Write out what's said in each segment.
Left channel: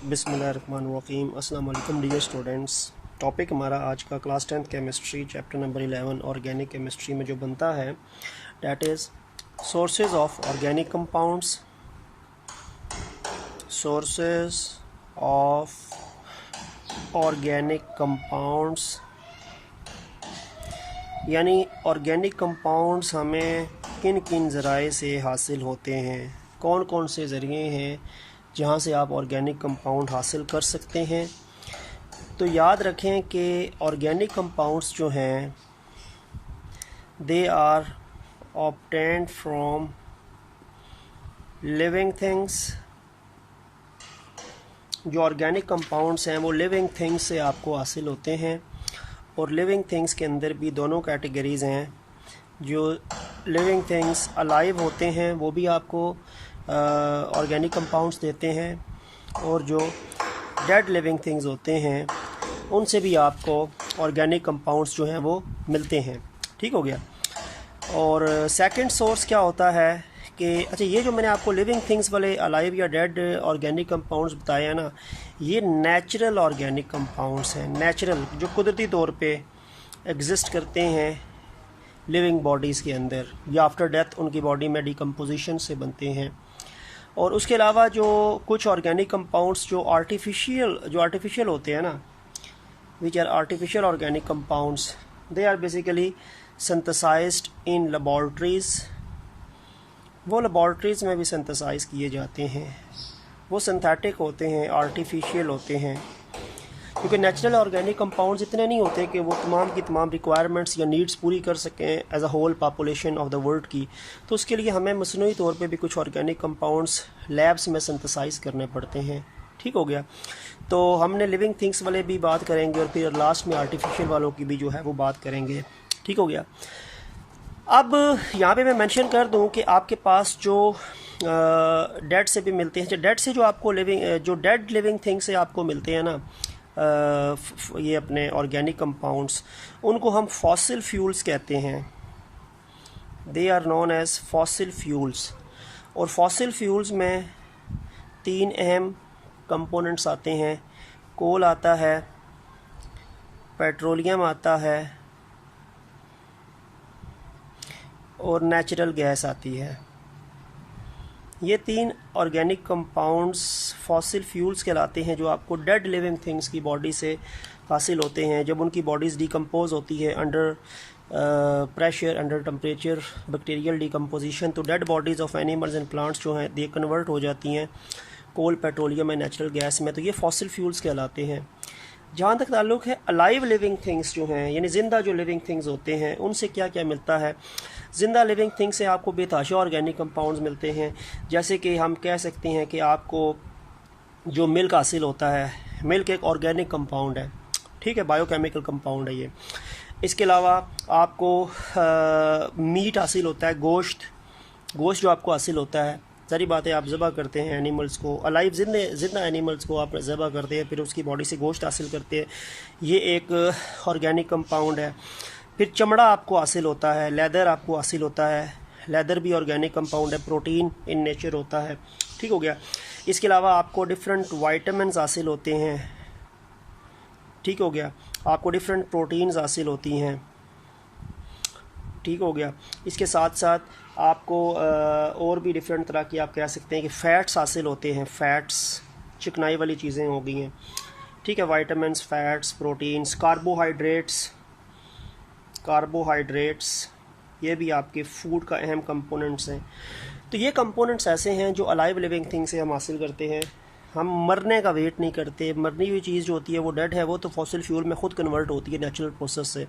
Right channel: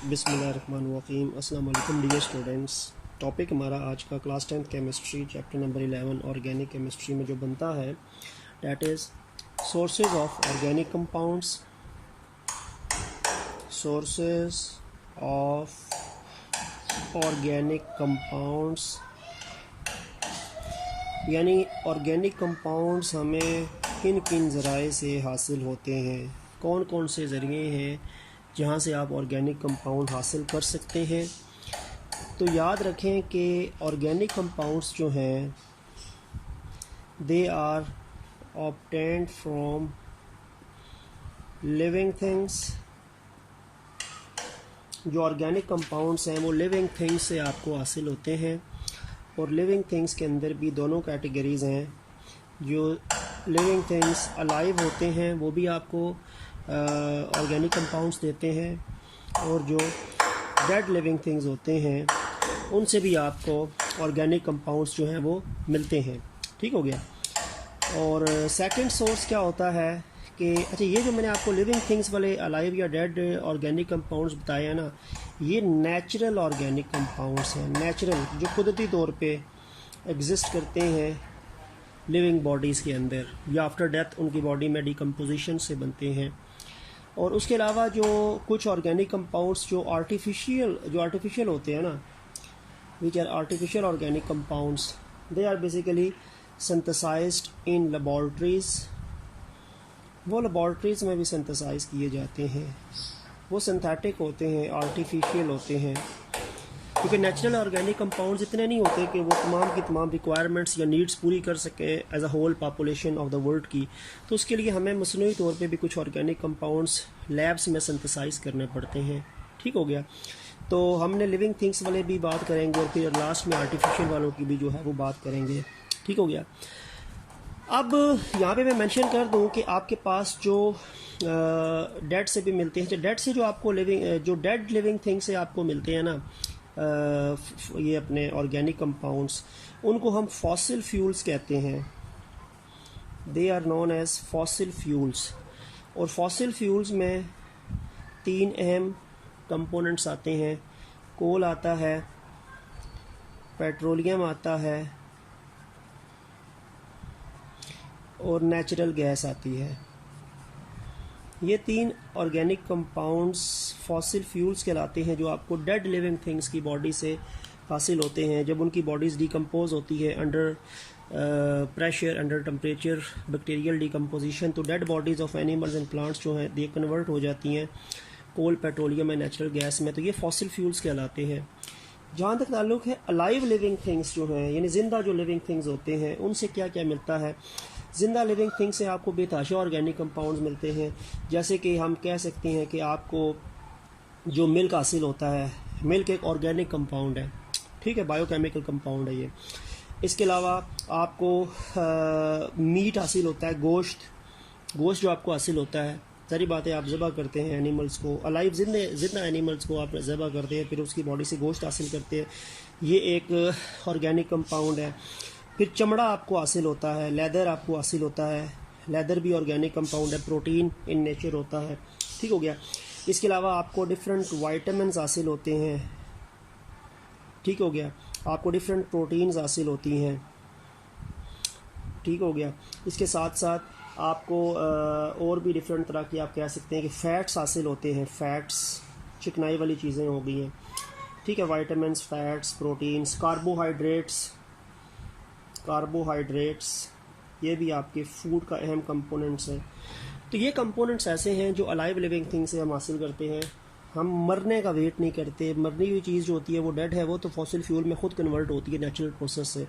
बिस्मिल्लाहिर्रहमानिर्रहीम। अस्सलाम वालेकुम डियर स्टूडेंट्स। टॉपिक हमारा आज का class 10th chemistry chapter number 11 organic chemistry में जो बनता है that is sources of organic compounds. Sources of organic compounds यानी ऑर्गेनिक कंपाउंड्स हमें किन किन ज़राए से हासिल होते हैं, कौन कौन से ज़रिए हैं जहाँ से आप ऑर्गेनिक कंपाउंड हासिल कर सकते हैं। तो याद रखें कि ऑर्गेनिक कंपाउंड्स जो हैं they are obtained from living things. जो ऑर्गेनिक कंपाउंड्स हैं वो लिविंग थिंग्स से आपको हासिल होते हैं, और लिविंग थिंग्स के अंदर भी दोनों कैटेगरीज़ हैं। जो लिविंग थिंग्स अलाइव होते हैं वो भी आपको ऑर्गेनिक कंपाउंड्स देते हैं, और जो डेड लिविंग थिंग्स होते हैं उनसे भी आपको ऑर्गेनिक कंपाउंड्स जो हैं वो मिलते हैं। ठीक हो गया। और सेकंड सोर्स क्या होता है कि अच्छा, ये जो मैंने आपको लिविंग थिंग्स वाले अलाइव या डेड ऑर्गेनिक कंपाउंड्स बताए हैं ना, ये नेचुरल ऑर्गेनिक कंपाउंड्स हैं। नेचुरल जो कुदरती तौर पे एग्जिस्ट करते हैं लिविंग बॉडीज़ के अंदर, या आफ्टर डेथ उनकी बॉडी में डिकम्पोजिशन से बनते हैं। और उसके अलावा जो कुछ ऑर्गेनिक कंपाउंड्स जो आर्टिफिशियल होते हैं ना, which are artificial organic compounds, they are basically synthesized in laboratories. वो लेबॉर्ट्रीज़ में भी सिंथेसाइज किए जाते हैं। वो सिंथेटिक होते हैं, आर्टिफिशियल होते हैं, क्योंकि नेचुरल ऑर्गेनिक कंपाउंड्स इतने नहीं होते कि वो तमाम की तमाम रिक्वायरमेंट्स या नीड्स पूरी कर सकें as a whole population of the world की। तो उसके लिए हमें मसनूई तौर पे भी कुछ ऑर्गेनिक कंपाउंड्स लैब्स में सिंथेसाइज करने पड़ते हैं। ठीक हो गया। तो हमने लिविंग थिंग्स वाले भी बात करेंगे और फिर लास्ट में आर्टिफिशियल वालों की भी जो है वो बात करेंगे। ठीक हो गया। अब यहाँ पे मैं मेंशन कर दूँ कि आपके पास जो डेड से भी मिलते हैं, जो डेड से जो आपको जो डेड लिविंग थिंग से आपको मिलते हैं ना, ये अपने ऑर्गेनिक कंपाउंड्स, उनको हम फॉसिल फ्यूल्स कहते हैं। They are known as fossil fuels. और फॉसिल फ्यूल्स में तीन अहम कंपोनेंट्स आते हैं। कोल आता है, पेट्रोलियम आता है, और नेचुरल गैस आती है। ये तीन ऑर्गेनिक कंपाउंड्स फॉसिल फ्यूल्स कहलाते हैं, जो आपको डेड लिविंग थिंग्स की बॉडी से हासिल होते हैं। जब उनकी बॉडीज़ डिकम्पोज होती है under pressure, under temperature, bacterial decomposition, तो dead bodies of animals and plants जो हैं दे कन्वर्ट हो जाती हैं coal, petroleum and natural gas में। तो ये फॉसिल फ्यूल्स कहलाते हैं। जहाँ तक ताल्लुक़ है अलाइव लिविंग थिंग्स जो हैं, यानी ज़िंदा जो लिविंग थिंग्स होते हैं, उनसे क्या क्या मिलता है। ज़िंदा लिविंग थिंग से आपको बेतहाशा ऑर्गेनिक कंपाउंड्स मिलते हैं। जैसे कि हम कह सकते हैं कि आपको जो मिल्क हासिल होता है, मिल्क एक ऑर्गेनिक कंपाउंड है। ठीक है, बायोकेमिकल कंपाउंड है ये। इसके अलावा आपको मीट हासिल होता है, गोश्त जो आपको हासिल होता है। सारी बातें आप ज़बह करते हैं एनिमल्स को, अलाइव जिंदा एनिमल्स को आप ज़बह करते हैं, फिर उसकी बॉडी से गोश्त हासिल करते हैं। ये एक ऑर्गेनिक कंपाउंड है। फिर चमड़ा आपको हासिल होता है, लेदर आपको हासिल होता है। लेदर भी ऑर्गेनिक कंपाउंड है, प्रोटीन इन नेचर होता है। ठीक हो गया। इसके अलावा आपको डिफरेंट वाइटामिन्स हासिल होते हैं। ठीक हो गया। आपको डिफरेंट प्रोटीन्स हासिल होती हैं। ठीक हो गया। इसके साथ साथ आपको और भी डिफरेंट तरह की आप कह सकते हैं कि फ़ैट्स हासिल होते हैं। फ़ैट्स चिकनाई वाली चीज़ें हो गई हैं। ठीक है, वाइटामिन्स, फ़ैट्स, प्रोटीन्स, कार्बोहाइड्रेट्स, ये भी आपके फूड का अहम कंपोनेंट्स हैं। तो ये कंपोनेंट्स ऐसे हैं जो अलाइव लिविंग थिंग से हम हासिल करते हैं। हम मरने का वेट नहीं करते। मरनी हुई चीज़ जो होती है वो डेड है, वो तो फॉसिल फ्यूल में ख़ुद कन्वर्ट होती है नेचुरल प्रोसेस से।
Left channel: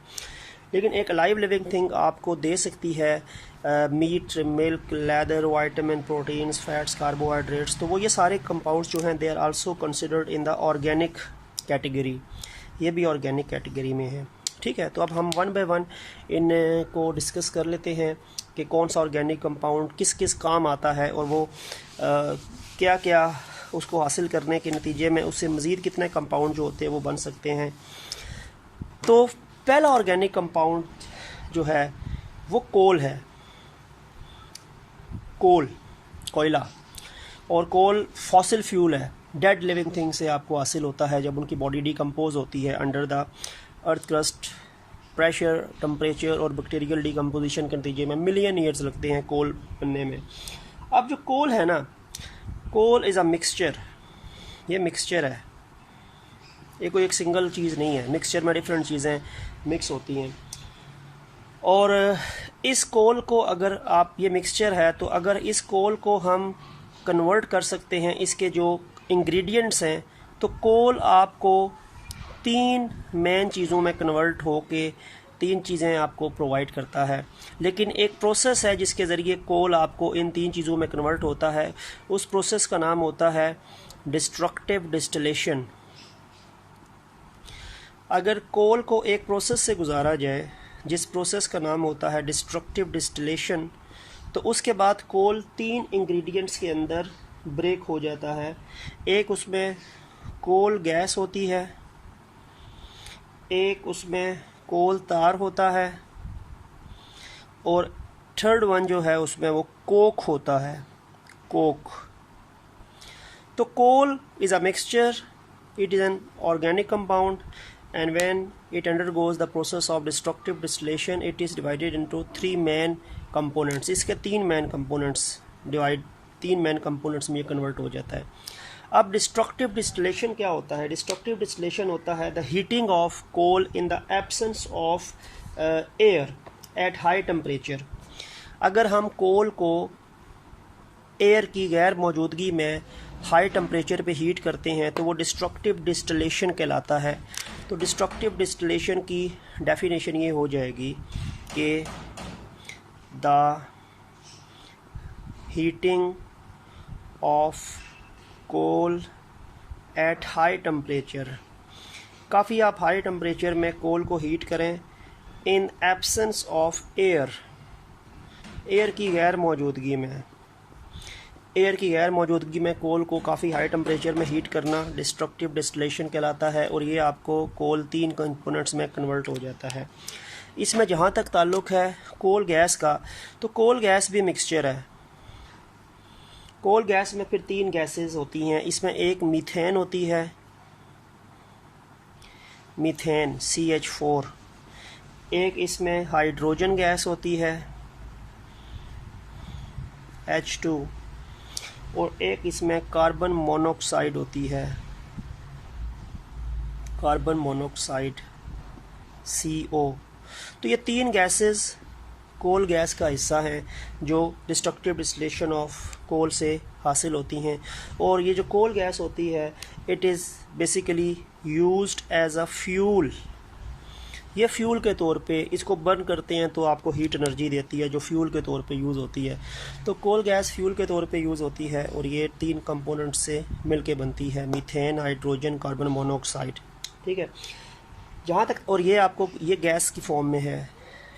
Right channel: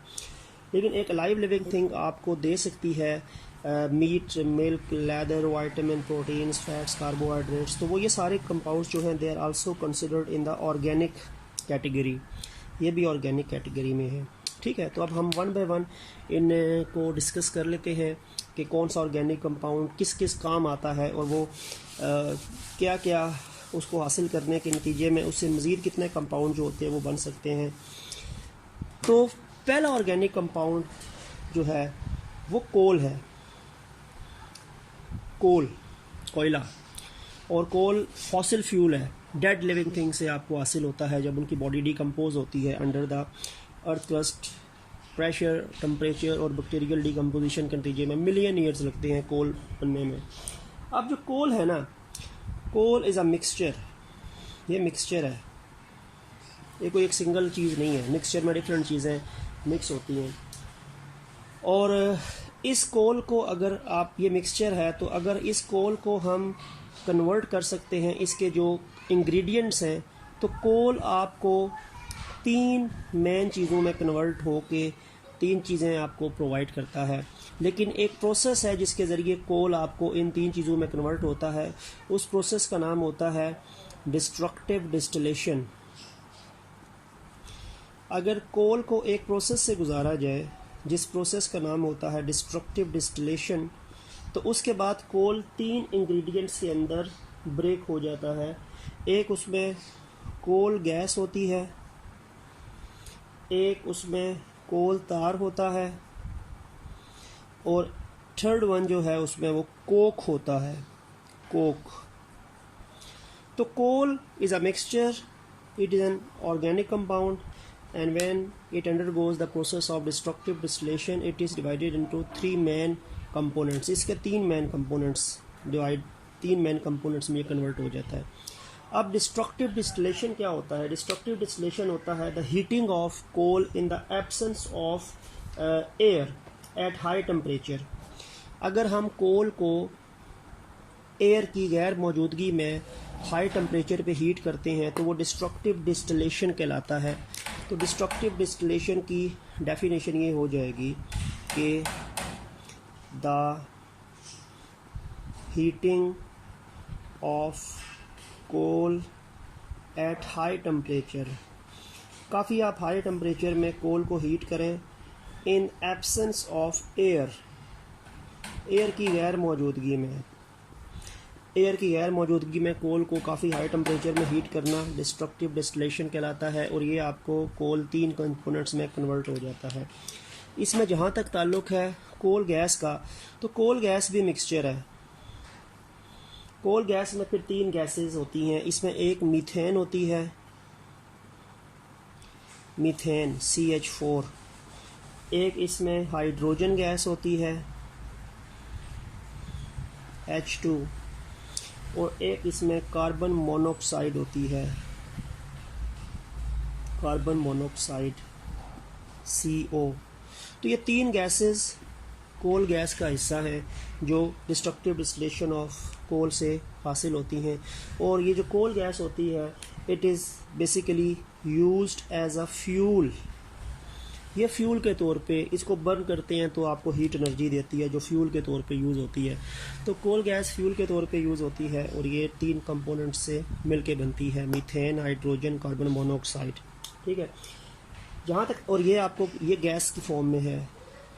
लेकिन एक अलाइव लिविंग थिंग आपको दे सकती है meat, milk, leather, vitamin, proteins, fats, carbohydrates. तो वो ये सारे कंपाउंड्स जो हैं they are also considered in the organic category. ये भी ऑर्गेनिक कैटेगरी में है। ठीक है। तो अब हम वन बाय वन इनको डिस्कस कर लेते हैं कि कौन सा ऑर्गेनिक कंपाउंड किस किस काम आता है, और वो क्या क्या उसको हासिल करने के नतीजे में उससे मज़ीद कितने कंपाउंड जो होते हैं वो बन सकते हैं। तो पहला ऑर्गेनिक कंपाउंड जो है वो कोल है। कोयला। और कोल फॉसिल फ्यूल है, डेड लिविंग थिंग से आपको हासिल होता है जब उनकी बॉडी डिकम्पोज होती है under the earth crust. Pressure, temperature और बैक्टीरियल डिकम्पोजिशन के नतीजे में मिलियन ईयर्स लगते हैं कोल बनने में। अब जो कोल है ना, कोल इज़ अ मिक्सचर, ये मिक्सचर है, ये कोई एक सिंगल चीज़ नहीं है। मिक्सचर में डिफरेंट चीज़ें मिक्स होती हैं और इस कोल को अगर आप, ये मिक्सचर है, तो अगर इस कोल को हम कन्वर्ट कर सकते हैं इसके जो इंग्रेडिएंट्स हैं, तो कोल आपको 3 मेन चीज़ों में कन्वर्ट होके 3 चीज़ें आपको प्रोवाइड करता है। लेकिन एक प्रोसेस है जिसके ज़रिए कोल आपको इन 3 चीज़ों में कन्वर्ट होता है, उस प्रोसेस का नाम होता है डिस्ट्रक्टिव डिस्टिलेशन। अगर कोल को एक प्रोसेस से गुजारा जाए जिस प्रोसेस का नाम होता है डिस्ट्रक्टिव डिस्टिलेशन, तो उसके बाद कोल 3 इंग्रेडिएंट्स के अंदर ब्रेक हो जाता है। एक उसमें कोल गैस होती है, एक उसमें कोल तार होता है और थर्ड वन जो है उसमें वो कोक होता है, कोक। तो coal is a mixture, it is an organic compound and when it undergoes the process of destructive distillation it is divided into 3 main components। इसके 3 main components में ये कन्वर्ट हो जाता है। अब डिस्ट्रक्टिव डिस्टिलेशन क्या होता है? डिस्ट्रक्टिव डिस्टिलेशन होता है the heating of coal in the absence of air at high temperature. अगर हम कोल को एयर की गैर मौजूदगी में हाई टेम्परेचर पे हीट करते हैं तो वो डिस्ट्रक्टिव डिस्टिलेशन कहलाता है। तो डिस्ट्रक्टिव डिस्टिलेशन की डेफिनेशन ये हो जाएगी कि the heating of coal at high temperature, काफ़ी आप हाई टेम्परेचर में कोल को हीट करें in absence of air, air की गैर मौजूदगी में, एयर की गैर मौजूदगी में कोल को काफ़ी हाई टेम्परेचर में हीट करना डिस्ट्रक्टिव डिस्टिलेशन कहलाता है। और ये आपको कोल 3 कंपोनेंट्स में कन्वर्ट हो जाता है। इसमें जहाँ तक ताल्लुक़ है कोल गैस का, तो कोल गैस भी मिक्सचर है। कोल गैस में फिर 3 गैसेस होती हैं। इसमें एक मीथेन होती है, मीथेन CH4, एक इसमें हाइड्रोजन गैस होती है H2 और एक इसमें कार्बन मोनोऑक्साइड होती है, कार्बन मोनोऑक्साइड CO। तो ये 3 गैसेस कोल गैस का हिस्सा है जो डिस्ट्रक्टिव डिस्टिलेशन ऑफ कोल से हासिल होती हैं। और ये जो कोल गैस होती है it is basically used as a fuel. ये फ्यूल के तौर पे इसको बर्न करते हैं तो आपको हीट एनर्जी देती है जो फ्यूल के तौर पे यूज़ होती है। तो कोल गैस फ्यूल के तौर पे यूज़ होती है और ये 3 कंपोनेंट से मिलके बनती है, मीथेन, हाइड्रोजन, कार्बन मोनोऑक्साइड। ठीक है, जहाँ तक, और ये आपको ये गैस की फॉर्म में है।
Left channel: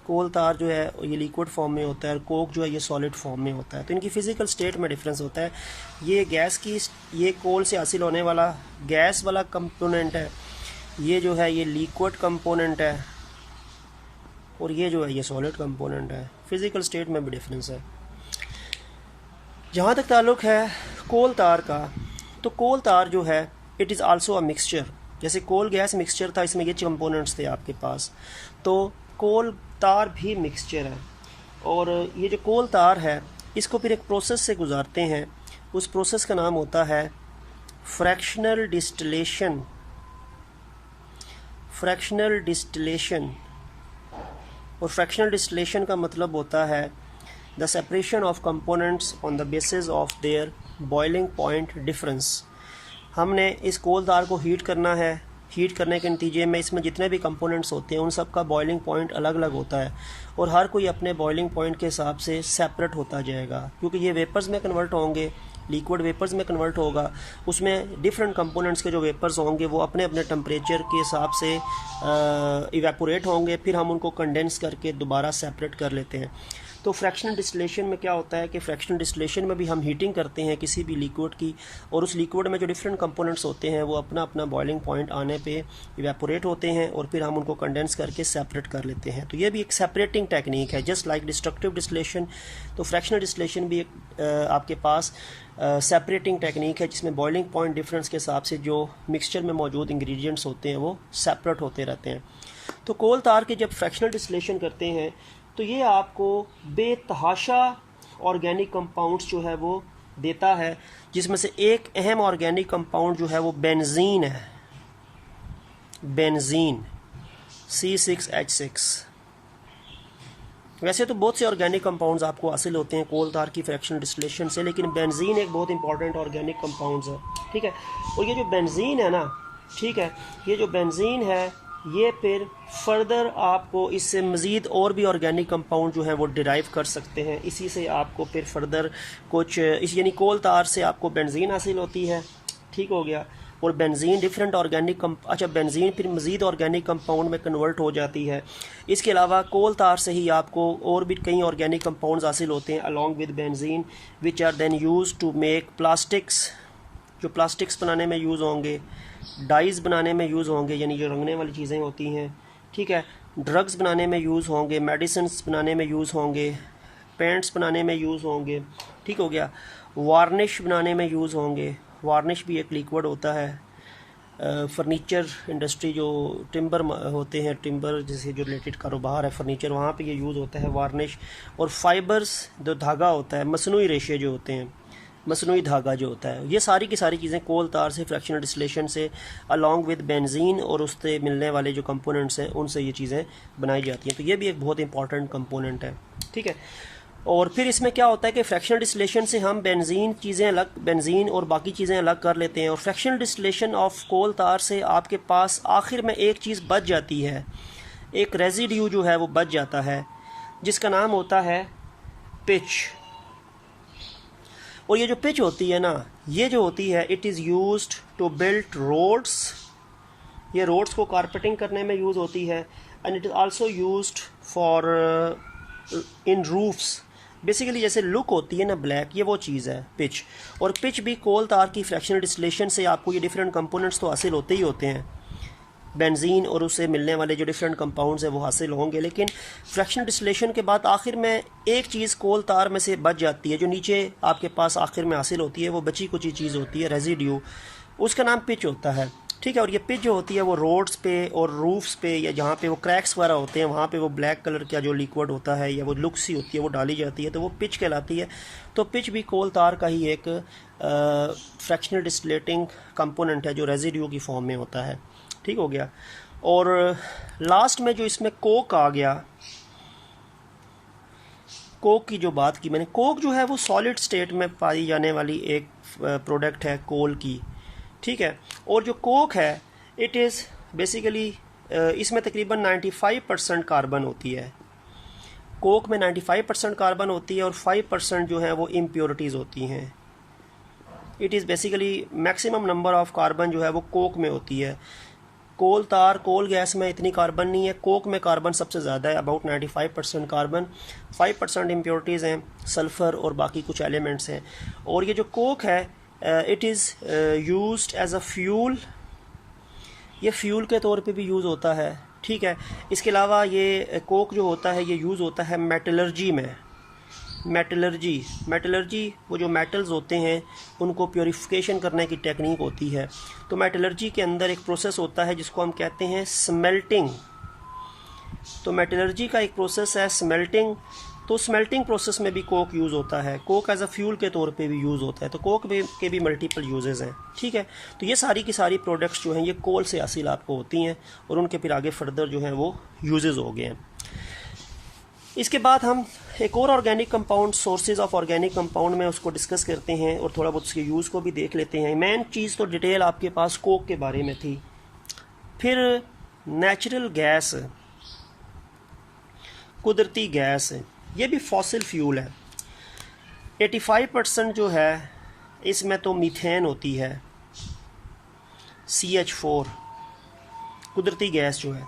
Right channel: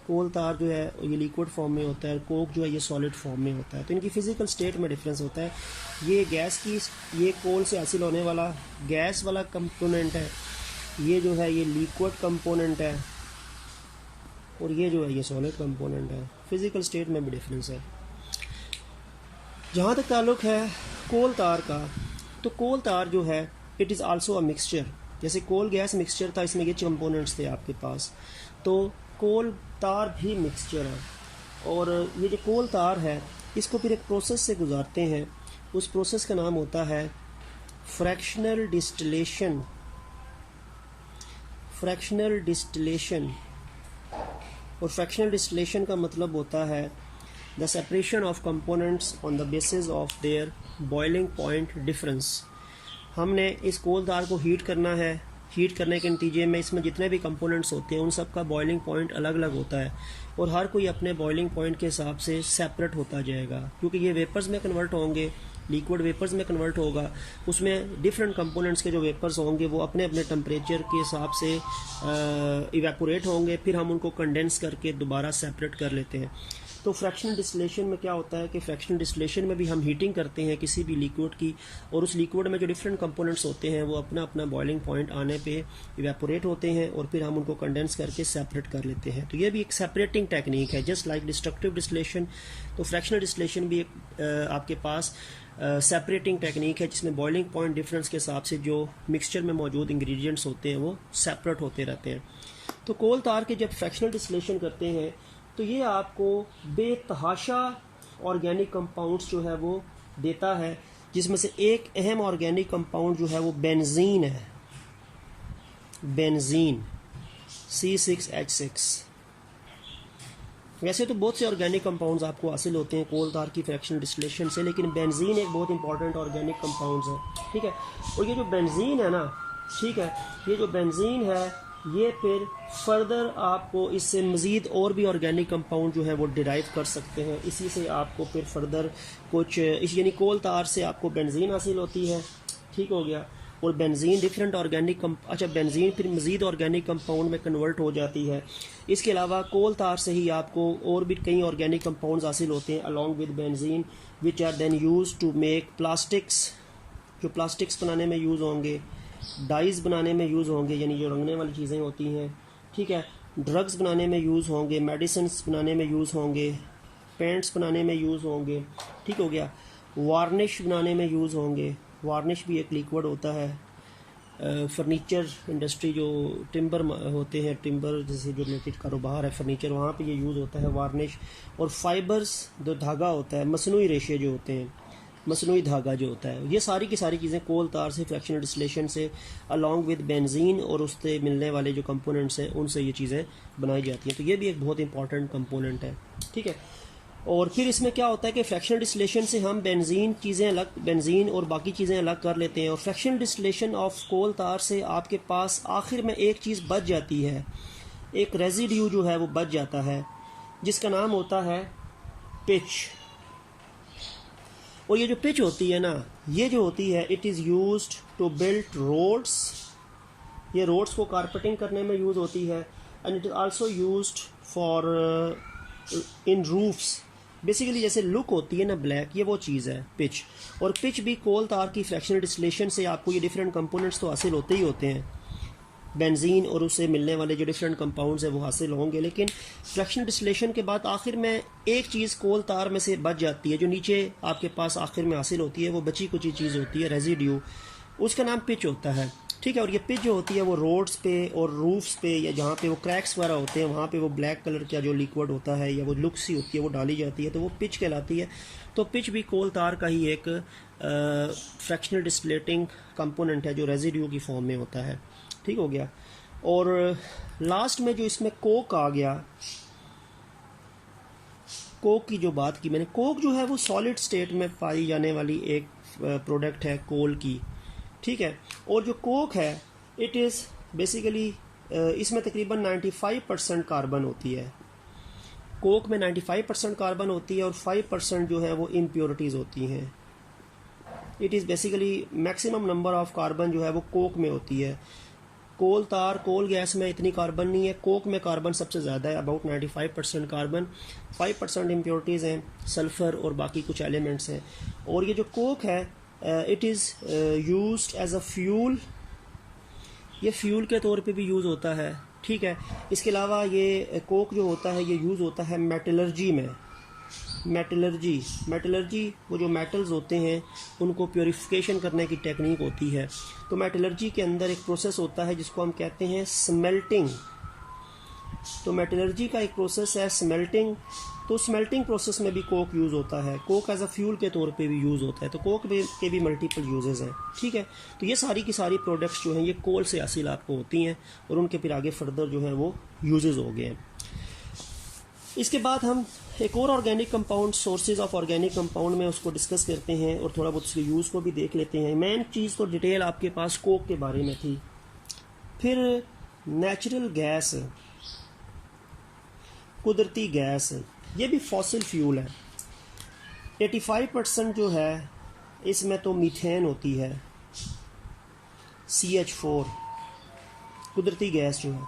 कोल तार जो है ये लिक्विड फॉर्म में होता है और कोक जो है ये सॉलिड फॉर्म में होता है। तो इनकी फ़िज़िकल स्टेट में डिफरेंस होता है। ये गैस की, ये कोल से हासिल होने वाला गैस वाला कंपोनेंट है, ये जो है ये लिक्विड कंपोनेंट है और ये जो है ये सॉलिड कंपोनेंट है। फिज़िकल स्टेट में भी डिफरेंस है। जहाँ तक ताल्लुक़ है कोल तार का, तो कोल तार जो है it is also a mixture. जैसे कोल गैस मिक्सचर था, इसमें ये कंपोनेंट्स थे आपके पास, तो कोल तार भी मिक्सचर है। और ये जो कोल तार है इसको फिर एक प्रोसेस से गुजारते हैं, उस प्रोसेस का नाम होता है फ्रैक्शनल डिस्टिलेशन। फ्रैक्शनल डिस्टिलेशन, और फ्रैक्शनल डिस्टिलेशन का मतलब होता है the separation of components on the basis of their boiling point difference. हमने इस कोल तार को हीट करना है, हीट करने के नतीजे में इसमें जितने भी कंपोनेंट्स होते हैं उन सब का बॉइलिंग पॉइंट अलग अलग होता है और हर कोई अपने बॉइलिंग पॉइंट के हिसाब से सेपरेट होता जाएगा, क्योंकि ये वेपर्स में कन्वर्ट होंगे, लिक्विड वेपर्स में कन्वर्ट होगा। उसमें डिफरेंट कंपोनेंट्स के जो वेपर्स होंगे वो अपने अपने टेम्परेचर के हिसाब से इवेपोरेट होंगे, फिर हम उनको कंडेंस करके दोबारा सेपरेट कर लेते हैं। तो फ्रैक्शनल डिस्टिलेशन में क्या होता है कि फ्रैक्शनल डिस्टिलेशन में भी हम हीटिंग करते हैं किसी भी लिक्विड की, और उस लिक्विड में जो डिफरेंट कंपोनेंट्स होते हैं वो अपना अपना बॉइलिंग पॉइंट आने पे इवेपोरेट होते हैं और फिर हम उनको कंडेंस करके सेपरेट कर लेते हैं। तो ये भी एक सेपरेटिंग टेक्निक है, जस्ट लाइक डिस्ट्रक्टिव डिस्टिलेशन। तो फ्रैक्शनल डिस्टिलेशन भी एक आपके पास सेपरेटिंग टेक्निक है जिसमें बॉइलिंग पॉइंट डिफरेंस के हिसाब से जो मिक्सचर में मौजूद इंग्रेडिएंट्स होते हैं वो सेपरेट होते रहते हैं। तो कोल तार के जब फ्रैक्शनल डिस्टिलेशन करते हैं तो ये आपको बेतहाशा ऑर्गेनिक कंपाउंड्स जो है वो देता है, जिसमें से एक अहम ऑर्गेनिक कंपाउंड जो है वो बेंजीन है, बेंजीन C6H6। वैसे तो बहुत से ऑर्गेनिक कंपाउंड्स आपको हासिल होते हैं कोल तार की फ्रैक्शनल डिस्टिलेशन से, लेकिन बेंजीन एक बहुत इंपॉर्टेंट ऑर्गेनिक कंपाउंड्स है, ठीक है। और ये जो बेंजीन है ना, ठीक है, ये जो बेंजीन है ये फिर फर्दर आपको इससे मज़ीद और भी ऑर्गेनिक कंपाउंड जो है वो डिराइव कर सकते हैं। इसी से आपको फिर फर्दर कुछ इस यानी कोल तार से आपको बेंजीन हासिल होती है, ठीक हो गया। और बेंजीन डिफरेंट ऑर्गेनिक बेंजीन फिर मज़ीद ऑर्गेनिक कंपाउंड में कन्वर्ट हो जाती है। इसके अलावा कोल तार से ही आपको और भी कई ऑर्गेनिक कंपाउंड्स हासिल होते हैं along with benzene, which are then use to make plastics, जो प्लास्टिक्स बनाने में यूज़ होंगे, डाइज बनाने में यूज़ होंगे यानी जो रंगने वाली चीज़ें होती हैं, ठीक है, ड्रग्स बनाने में यूज़ होंगे, मेडिसिन्स बनाने में यूज़ होंगे, पेंट्स बनाने में यूज़ होंगे, ठीक हो गया, वार्निश बनाने में यूज़ होंगे। वार्निश भी एक लिक्विड होता है। फर्नीचर इंडस्ट्री जो टिम्बर होते हैं, टिम्बर जैसे जो रिलेटेड कारोबार है फर्नीचर, वहाँ पे ये यूज़ होता है वार्निश। और फाइबर्स जो धागा होता है, मसनूई रेशे जो होते हैं, मसनूई धागा जो होता है, ये सारी की सारी चीज़ें कोल तार से फ्रैक्शनल डिस्टिलेशन से अलॉन्ग विद बेंजीन और उससे मिलने वाले जो कंपोनेंट्स हैं उनसे ये चीज़ें बनाई जाती हैं। तो ये भी एक बहुत इंपॉर्टेंट कंपोनेंट है, ठीक है। और फिर इसमें क्या होता है कि फ्रैक्शनल डिस्टिलेशन से हम बेंजीन और बाकी चीज़ें अलग कर लेते हैं। और फ्रैक्शनल डिस्टिलेशन ऑफ कोल तार से आपके पास आखिर में एक चीज़ बच जाती है, एक रेजिड्यू जो है वो बच जाता है, जिसका नाम होता है पिच। और ये जो पिच होती है ना, ये जो होती है it is used to build roads, ये रोड्स को कारपेटिंग करने में यूज़ होती है। And it is also used for in roofs. Basically जैसे लुक होती है ना ब्लैक, ये वो चीज़ है पिच। और पिच भी कोल तार की फ्रैक्शनल डिस्टिलेशन से आपको ये डिफरेंट कंपोनेंट्स तो हासिल होते ही होते हैं, बेंजीन और उससे मिलने वाले जो डिफरेंट कंपाउंड्स हैं वो हासिल होंगे। लेकिन फ्रैक्शनल डिस्टिलेशन के बाद आखिर में एक चीज़ कोल तार में से बच जाती है, जो नीचे आपके पास आखिर में हासिल होती है, वो बची कुछ चीज़ होती है रेजिड्यू, उसका नाम पिच होता है, ठीक है। और ये पिच जो होती है वो रोड्स पे और रूफ्स पे या जहाँ पे वो क्रैक्स वगैरह होते हैं वहाँ पे वो ब्लैक कलर का जो लिक्विड होता है या वो लुक सी होती है वो डाली जाती है, तो वो पिच कहलाती है। तो पिच भी कोल तार का ही एक फ्रैक्शनल डिस्टिलेटिंग कंपोनेंट है जो रेजिड्यू की फॉर्म में होता है, ठीक हो गया। और लास्ट में जो इसमें कोक आ गया, कोक की जो बात की मैंने, कोक जो है वो सॉलिड स्टेट में पाई जाने वाली एक प्रोडक्ट है कोल की, ठीक है। और जो कोक है इट इज़ बेसिकली इसमें तकरीबन 95% कार्बन होती है। कोक में 95% कार्बन होती है और 5% जो है वो इम्प्योरिटीज़ होती हैं। It is basically maximum number of carbon जो है वो कोक में होती है। कोल तार, कोल गैस में इतनी कार्बन नहीं है, कोक में कार्बन सबसे ज़्यादा है, अबाउट 95% कार्बन, 5% इम्प्योरिटीज़ हैं, सल्फ़र और बाकी कुछ एलिमेंट्स हैं। और ये जो कोक है it is used as a fuel, ये फ्यूल के तौर पे भी यूज़ होता है, ठीक है। इसके अलावा ये कोक जो होता है ये यूज़ होता है मेटलर्जी में। मेटलर्जी वो जो मेटल्स होते हैं उनको प्योरीफिकेशन करने की टेक्निक होती है। तो मेटलर्जी के अंदर एक प्रोसेस होता है जिसको हम कहते हैं स्मेल्टिंग। तो मेटलर्जी का एक प्रोसेस है स्मेल्टिंग। तो स्मेल्टिंग प्रोसेस में भी कोक यूज़ होता है, कोक एज अ फ्यूल के तौर पे भी यूज़ होता है। तो कोक के भी मल्टीपल यूजेस हैं, ठीक है। तो ये सारी की सारी प्रोडक्ट्स जो हैं ये कोल से हासिल आपको होती हैं और उनके फिर आगे फर्दर जो हैं वो यूजेस हो गए हैं। इसके बाद हम एक और organic compound, sources of organic compound में उसको डिस्कस करते हैं और थोड़ा बहुत उसके यूज़ को भी देख लेते हैं। मेन चीज़ तो डिटेल आपके पास कोक के बारे में थी। फिर नेचुरल गैस, कुदरती गैस, ये भी फॉसिल फ्यूल है। 85% जो है इसमें तो मीथेन होती है, CH4 कुदरती गैस जो है।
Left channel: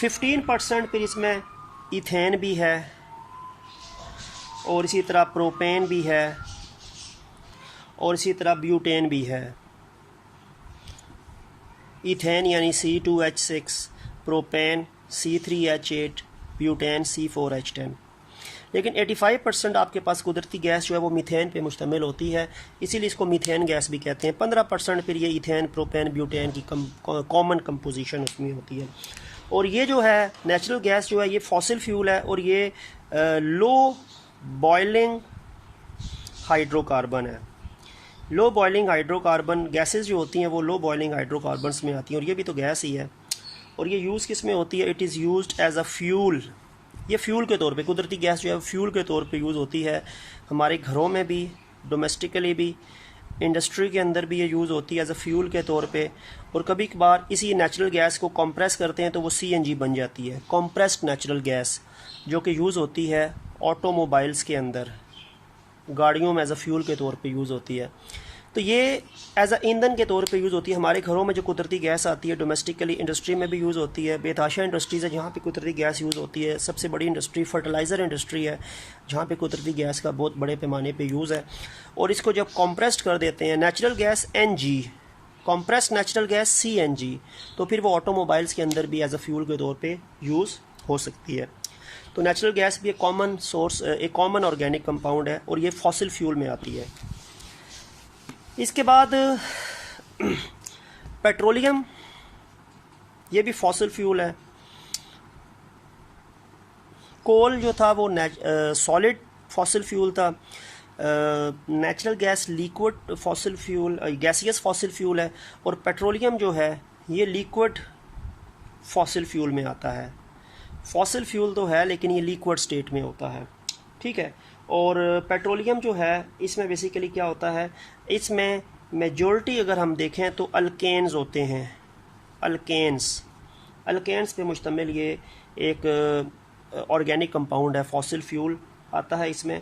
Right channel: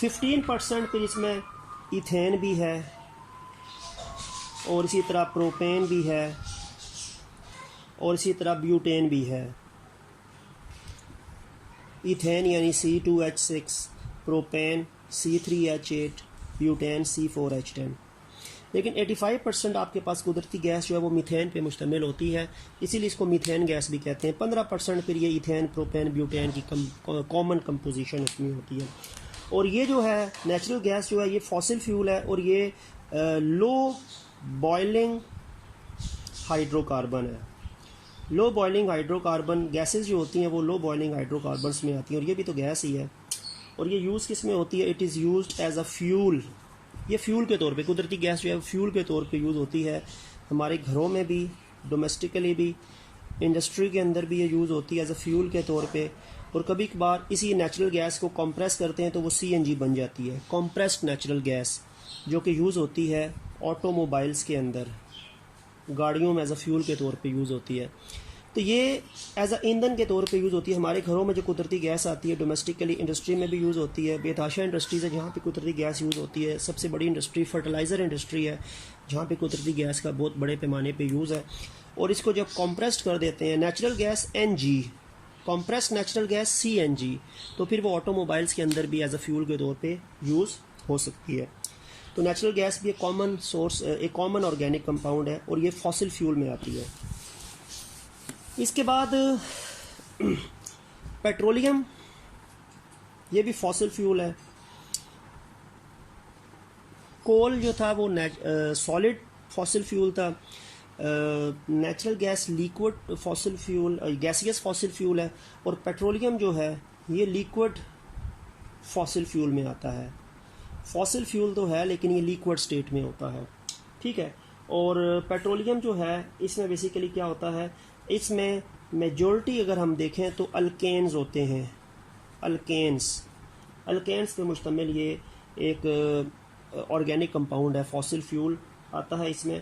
15% फिर इसमें इथेन भी है और इसी तरह प्रोपेन भी है, और इसी तरह ब्यूटेन भी है। इथेन यानी C2H6, propane C3H8, butane C4H10। लेकिन 85% आपके पास कुदरती गैस जो है वो मीथेन पे मुश्तमिल होती है, इसीलिए इसको मीथेन गैस भी कहते हैं। 15% फिर ये इथेन, प्रोपेन, ब्यूटेन की कॉमन कंपोजिशन उसमें होती है। और ये जो है नेचुरल गैस जो है ये फॉसिल फ्यूल है, और ये लो बॉइलिंग हाइड्रोकार्बन है। लो बॉइलिंग हाइड्रोकार्बन गैसेस जो होती हैं वो लो बॉइलिंग हाइड्रोकार्बन्स में आती हैं, और ये भी तो गैस ही है। और ये यूज़ किस में होती है? It is used as a fuel. ये फ्यूल के तौर पे, कुदरती गैस जो है फ्यूल के तौर पे यूज़ होती है, हमारे घरों में भी, डोमेस्टिकली भी, इंडस्ट्री के अंदर भी ये यूज़ होती है एज अ फ्यूल के तौर पे। और कभी कभार इसी नेचुरल गैस को कंप्रेस करते हैं तो वो CNG बन जाती है, कंप्रेस्ड नेचुरल गैस, जो कि यूज़ होती है ऑटोमोबाइल्स के अंदर, गाड़ियों में एज अ फ्यूल के तौर पे यूज़ होती है। तो ये एज अ ईंधन के तौर पे यूज़ होती है। हमारे घरों में जो कुदरती गैस आती है, डोमेस्टिकली इंडस्ट्री में भी यूज़ होती है। बेतहाशा इंडस्ट्रीज़ है जहाँ पे कुदरती गैस यूज़ होती है। सबसे बड़ी इंडस्ट्री फर्टिलाइज़र इंडस्ट्री है जहाँ पे कुदरती गैस का बहुत बड़े पैमाने पे यूज़ है। और इसको जब कॉम्प्रेस्ड कर देते हैं, natural gas NG, compressed natural gas CNG, तो फिर वो ऑटोमोबाइल्स के अंदर भी एज अ फ्यूल के तौर पर यूज़ हो सकती है। तो नेचुरल गैस भी एक कॉमन सोर्स, एक कॉमन ऑर्गेनिक कंपाउंड है, और ये फॉसिल फ्यूल में आती है। इसके बाद पेट्रोलियम, ये भी फॉसिल फ्यूल है। कोल जो था वो सॉलिड फॉसिल फ्यूल था। Natural gas liquid fossil fuel, gaseous fossil fuel है। और पेट्रोलियम जो है ये लिक्विड फॉसिल फ्यूल में आता है। फॉसिल फ्यूल तो है लेकिन ये लिक्विड स्टेट में होता है, ठीक है। और पेट्रोलियम जो है इसमें बेसिकली क्या होता है, इसमें मेजॉरिटी अगर हम देखें तो अल्केन्स होते हैं। अल्केन्स पे मुश्तमिल ये एक ऑर्गेनिक कंपाउंड है, फॉसिल फ्यूल आता है इसमें।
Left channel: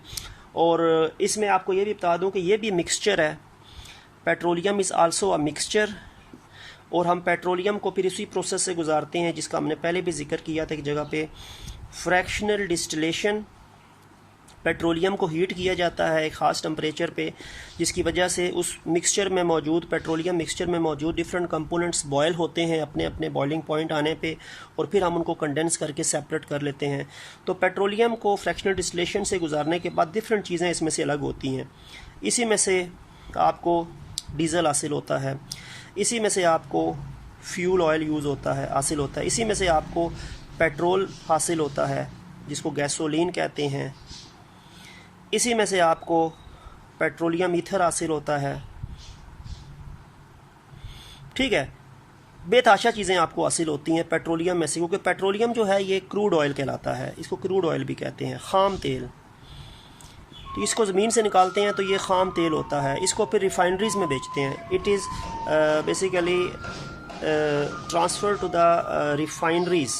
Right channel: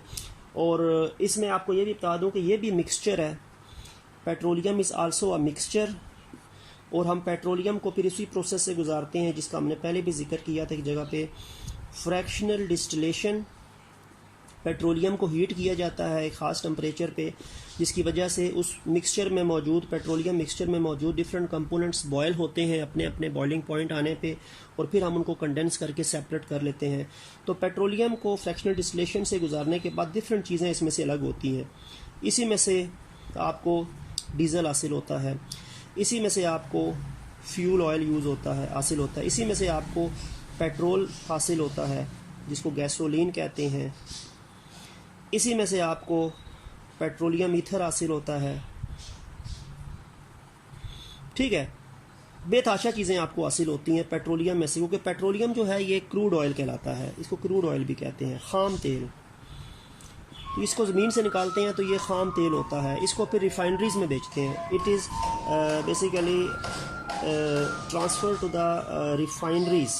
और इसमें आपको ये भी बता दूं कि ये भी मिक्सचर है। Petroleum is also a mixture. और हम पेट्रोलियम को फिर इसी प्रोसेस से गुजारते हैं जिसका हमने पहले भी जिक्र किया था एक जगह पे, फ्रैक्शनल डिस्टिलेशन। पेट्रोलियम को हीट किया जाता है एक ख़ास टेम्परेचर पे, जिसकी वजह से उस मिक्सचर में मौजूद, पेट्रोलियम मिक्सचर में मौजूद डिफरेंट कंपोनेंट्स बॉयल होते हैं अपने अपने बॉइलिंग पॉइंट आने पे, और फिर हम उनको कंडेंस करके सेपरेट कर लेते हैं। तो पेट्रोलियम को फ्रैक्शनल डिस्टिलेशन से गुजारने के बाद डिफरेंट चीज़ें इसमें से अलग होती हैं। इसी में से आपको डीजल हासिल होता है, इसी में से आपको फ्यूल ऑयल यूज़ होता है, हासिल होता है, इसी में से आपको पेट्रोल हासिल होता है जिसको गैसोलीन कहते हैं, इसी में से आपको पेट्रोलियम ईथर हासिल होता है, ठीक है। बेतहाशा चीज़ें आपको हासिल होती हैं पेट्रोलियम में से, क्योंकि पेट्रोलियम जो है ये क्रूड ऑयल कहलाता है, इसको क्रूड ऑयल भी कहते हैं, खाम तेल। तो इसको ज़मीन से निकालते हैं तो ये खाम तेल होता है, इसको फिर रिफाइनरीज़ में बेचते हैं। It is basically transfer to the refineries.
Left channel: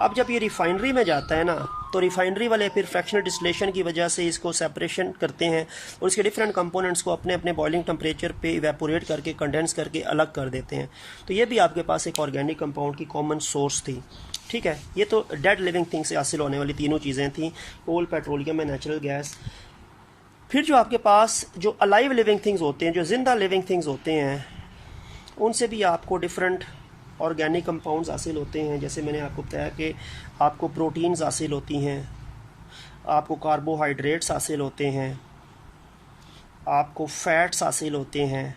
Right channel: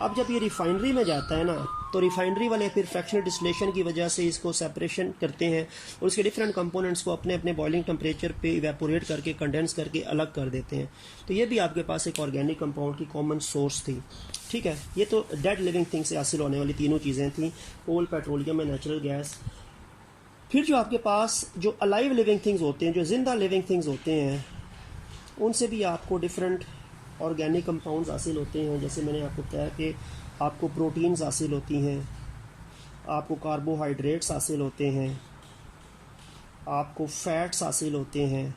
अब जब ये रिफाइनरी में जाता है ना, तो रिफाइनरी वाले फिर फ्रैक्शनल डिस्टिलेशन की वजह से इसको सेपरेशन करते हैं और इसके डिफरेंट कंपोनेंट्स को अपने अपने बॉइलिंग टेम्परेचर पे इवेपोरेट करके, कंडेंस करके अलग कर देते हैं। तो ये भी आपके पास एक ऑर्गेनिक कंपाउंड की कॉमन सोर्स थी, ठीक है। ये तो डेड लिविंग थिंग से हासिल होने वाली तीनों चीज़ें थी, कोल, पेट्रोलियम एंड नेचुरल गैस। फिर जो आपके पास जो अलाइव लिविंग थिंग्स होते हैं, जो जिंदा लिविंग थिंग्स होते हैं, उनसे भी आपको डिफरेंट ऑर्गेनिक कंपाउंड्स हासिल होते हैं। जैसे मैंने आपको बताया कि आपको प्रोटीन्स हासिल होती हैं, आपको कार्बोहाइड्रेट्स हासिल होते हैं, आपको फैट्स हासिल होते हैं,